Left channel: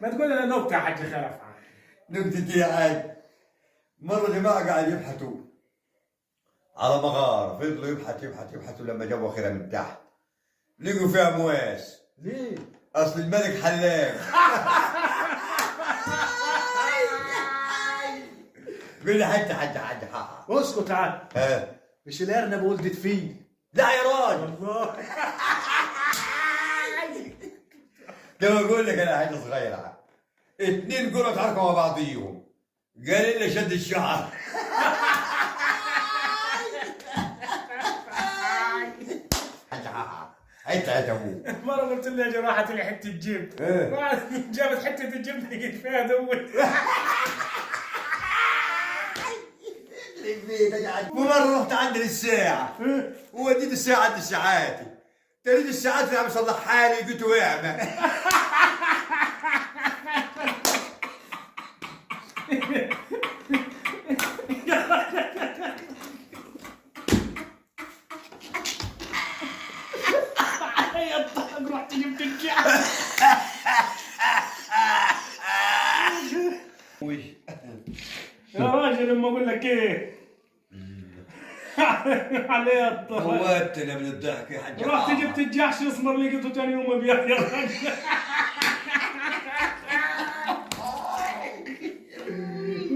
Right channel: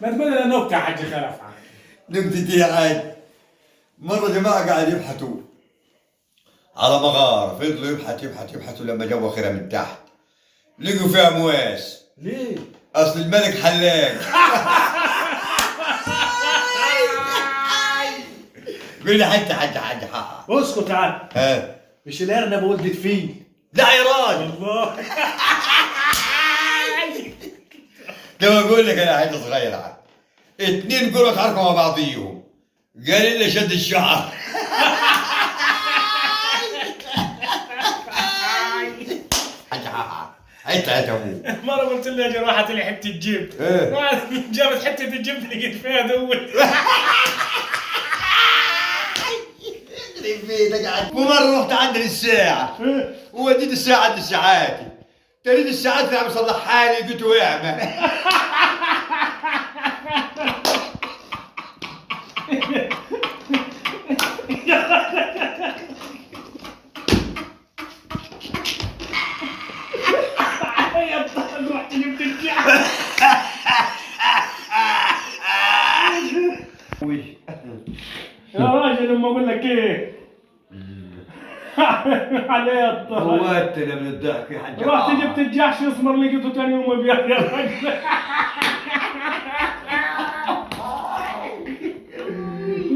ما تقول لنا نكته حاج خلف. نكتتي يا حاج. مرة جماعة قاعد يبحثوا على مغارة، فضلوا يبحثوا لما جابوا اخرها من تحت لقوا فيها مواس. ليه؟ اصل الملك حلاق. قول لي حتى حاج حق. اسكت تعال. ها مش الارنب ولدت فيه؟ لا يا راجل والله. كما اقول لك انا حاجه صغيره، اتنين قروا اتعاركوا مع بعضيهم، قال لي شد الشعر. انت يا ابوي مرة قلت له اجي راحت لي حتة جبن. جابت حتة الجبن لقيت فيها دول. ومرة رحت عند الساعة ووديت الساعة عند ساعاتي، تريد الساعات اللي عم يصلحها لي قلت له اعمى. رحت جبت الجبن. يا راجل لما اقول لك ايه عليه الطهر. موتنا من الضحك يا حاج. رحت جبت الجحش يسمر لقيته ثاني يوم بيض يا راجل.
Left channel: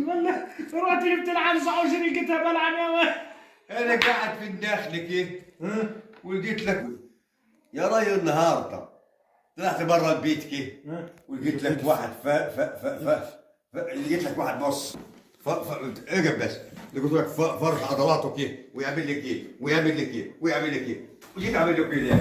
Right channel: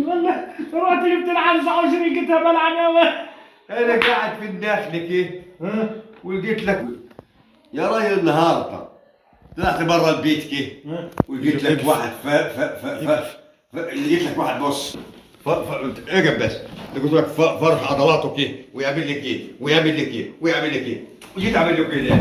والله رحت جبت العنزه وشري لقيتها بلعنه. انا قاعد في الداخل كده ولقيت لك يا راجل النهارده طلعت برا البيت كده ولقيت لك واحد لقيت لك واحد بص اقف بس، قلت لك فرش عضلاته كده ويعمل لك ايه ويعمل لك ايه ويعمل لك ايه وجيت اعمل له كده.